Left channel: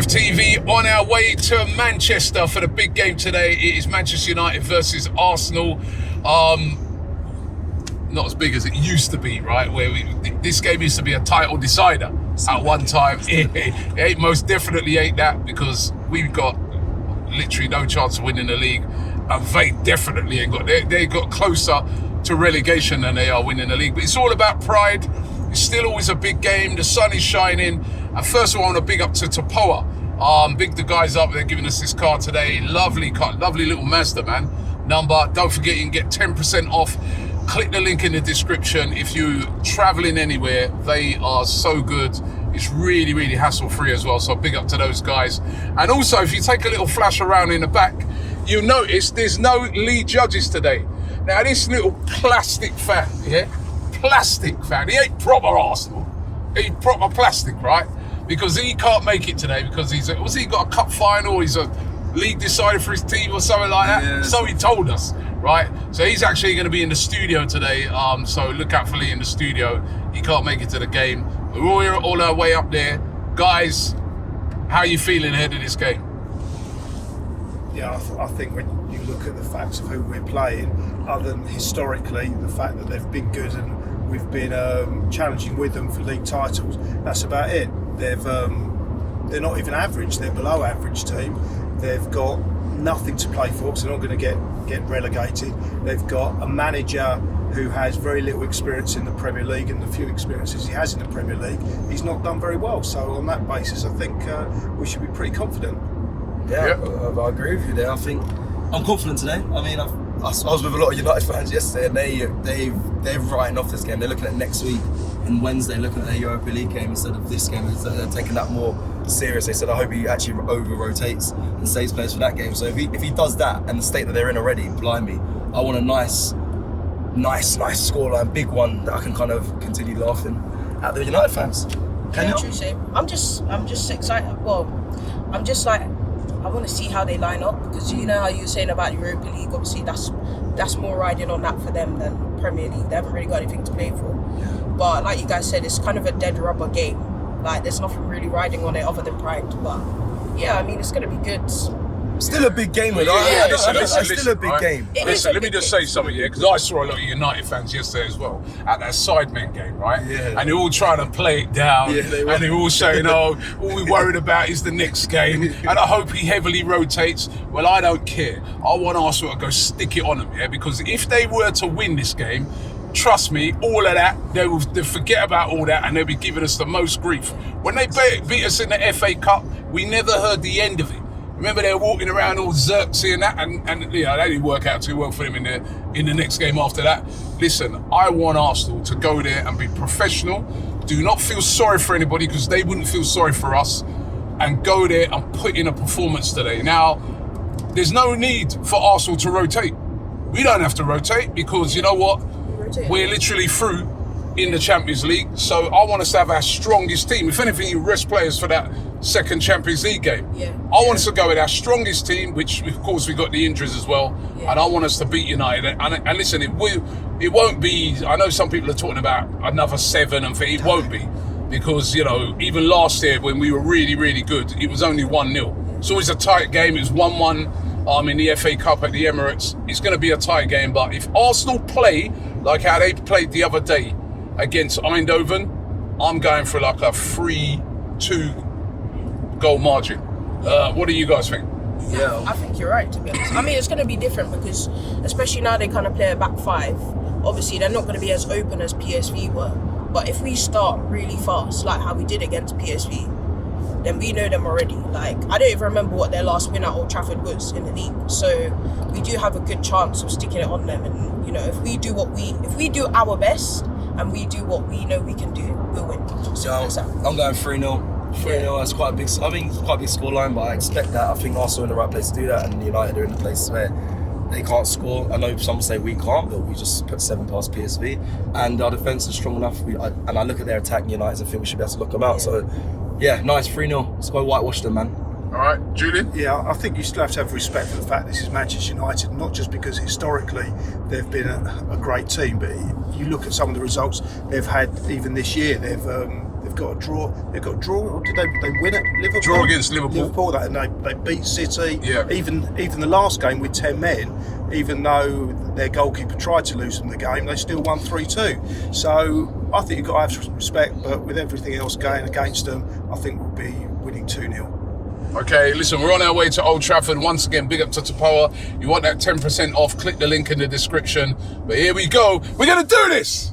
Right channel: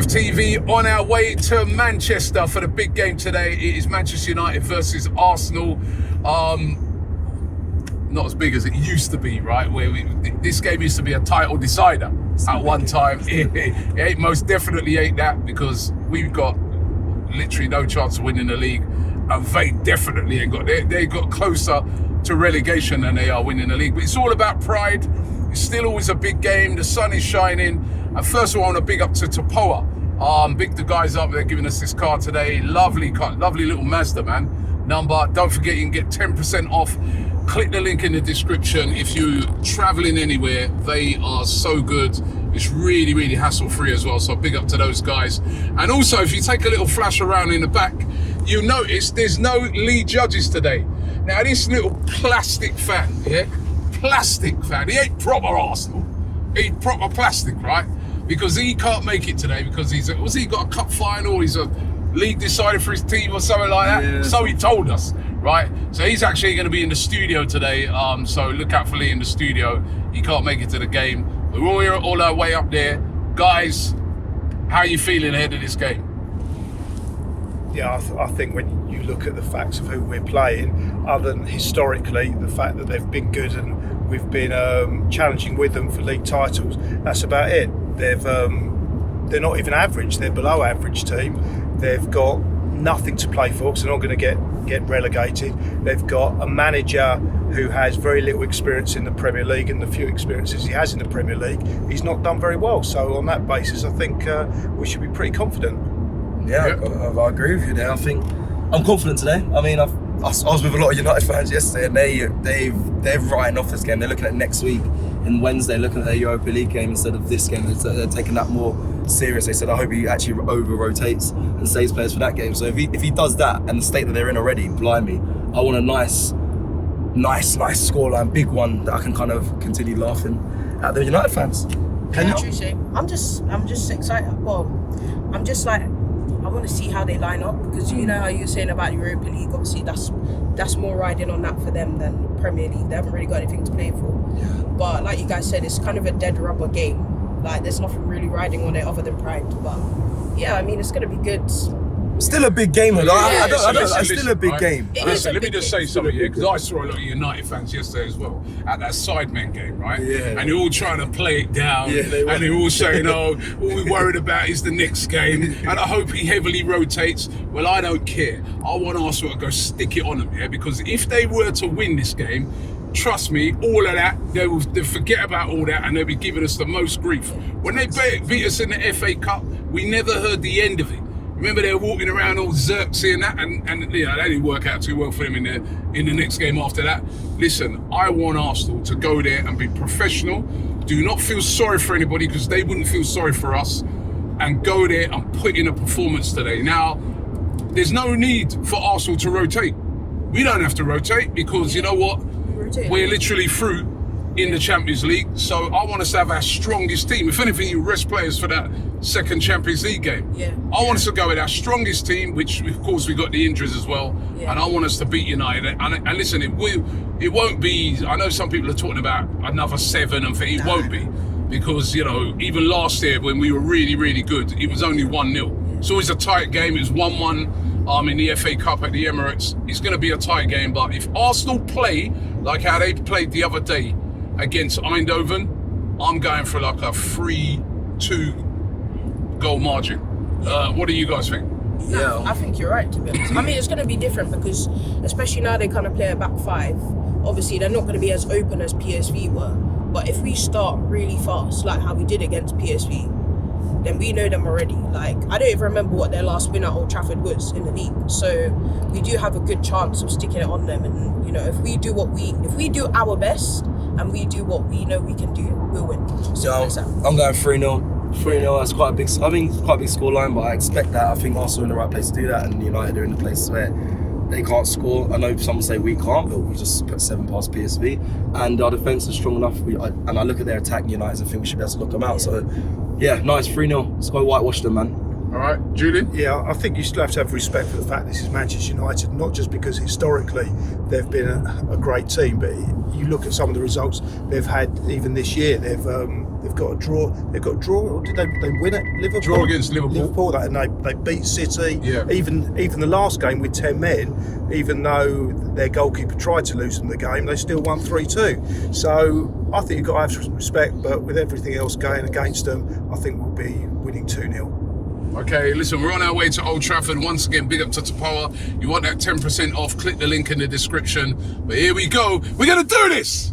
AFTV on our way to Manchester for the big game today. It is Manchester United versus Arsenal. Not as big as it used to be, right? This game used to be a title decider at one time. It most definitely ain't that, because we've got literally no chance of winning the league, and they definitely ain't got. They got closer to relegation than they are winning the league. But it's all about pride. It's still always a big game. The sun is shining. And first of all, I want to big up to Topoa. Big the guys up there giving us this car today. Lovely car, lovely little Mazda, man. Number, don't forget you can get 10% off. Click the link in the description if you're traveling anywhere. They are so good. It's really, really hassle-free as well. So big up to those guys. And also, if you take a little flash around in the back, you notice there's no lead judges today. Now, this little plastic fan, plastic fan, he ain't proper Arsenal. He's proper plastic, right? Because he can't make it today because he got a cup final, he's a league decider for his team or something like that. Yeah. So he told us, right? So he's actually going to be in the studio today. So look out for Lee in the studio. He can't make it to the game. We're all our way up there. Guys, how are you feeling ahead of this game? Yeah, I think when you look at the facts of who we're playing, other than historically the fact that they've been good and we've been challenging with them for league titles, that's about it. They're not even average. They're below average team. They've got nothing to play for because they're not going to get relegated. They've got a manager who has very little experience in the Premier League, and the few experiences he has in the Premier League, he's not done very well. So on that basis, I think we should be pretty confident. Yeah, I agree with you there. I think I'm confident today. I mean, I was with a lot of United fans yesterday, and they're writing off this game. They're looking at next week and Wednesday, looking at their Europa League game instead of this game. They're taking that more serious. They said, I hope he actually over-rotates and saves players for that game. So if he does that, and the state that they're in already, blimey, I want a nice scoreline, big one that I can kind of continue laughing at the United fans. I'm just excited. Well, I'm just like, I want to see how they line up, because you know how you were saying about Europa League, obviously that's more riding on that for them than Premier League. They haven't really got anything to play for. But like you guys said, it's kind of a dead rubber game. Like there's nothing really riding on it other than pride. But yeah, I mean, it's going to be good. Still a big game, though. It's still a big game. Listen, let me just say something here, because I saw a lot of United fans yesterday as well at that Sidemen game, right? Yeah. And they're all trying to play it down, and they're all saying, all we're worried about is the next game, and I hope he heavily rotates. Well, I don't care. I want Arsenal to go stick it on them, because if they were to win this game, trust me, all of that, they'll forget about all that, and they'll be giving us the most grief. When they beat us in the FA Cup, we never heard the end of it. Remember, they were walking around all zirksy and that, and you know, that didn't work out too well for them in the next game after that. Listen, I want Arsenal to go there and be professional. Do not feel sorry for anybody, because they wouldn't feel sorry for us, and go there and put in a performance today. Now, there's no need for Arsenal to rotate. We don't have to rotate, because you know what? We're literally through in the Champions League. So I want us to have our strongest team. If anything, you rest players for that second Champions League game. Yeah. I want us to go with our strongest team, which of course we got the injuries as well. Yeah. And I want us to beat United. And listen, it won't be, I know some people are talking about another 7 and it won't be, because you know, even last year when we were really, really good, it was only 1-0. It's always a tight game. It was 1-1 in the FA Cup at the Emirates. It's going to be a tight game, but if Arsenal play like how they played the other day against Eindhoven, I'm going for like a 3-2 goal margin. What do you guys think? Yeah, I think you're right, to be honest. I mean, it's going to be different because, especially now they kind of play a back 5, obviously they're not going to be as open as PSV were. But if we start really fast, like how we did against PSV, then we know them already. Like, I don't even remember what their last win at Old Trafford was in the league. So we do have a good chance of sticking it on them. And you know, if we do our best and we do what we know we can do, we'll win. So I'm going 3-0. 3-0, that's quite a big. I think it's quite a big scoreline, but I expect that. I think Arsenal are in the right place to do that, and United are in the place where they can't score. I know some say we can't, but we just put 7 past PSV, and our defence is strong enough. I look at their attack, United, and think we should be able to lock them out. So, yeah, nice 3-0. Let's go whitewash them, man. All right, Julian? Yeah, I think you still have to have respect for the fact this is Manchester United, not just because historically they've been a great team, but you look at some of the results they've had even this year. They've got a draw. They've got a draw. Or did they win at Liverpool? Draw against Liverpool. And they beat City. Yeah. Even the last game with 10 men, even though their goalkeeper tried to lose them the game, they still won 3-2. So I think you've got to have respect, but with everything else going against them, I think we'll be winning 2-0. Okay, listen, we're on our way to Old Trafford. Once again, big up to Tapoa. You want that 10% off, click the link in the description. But here we go. We're going to do this!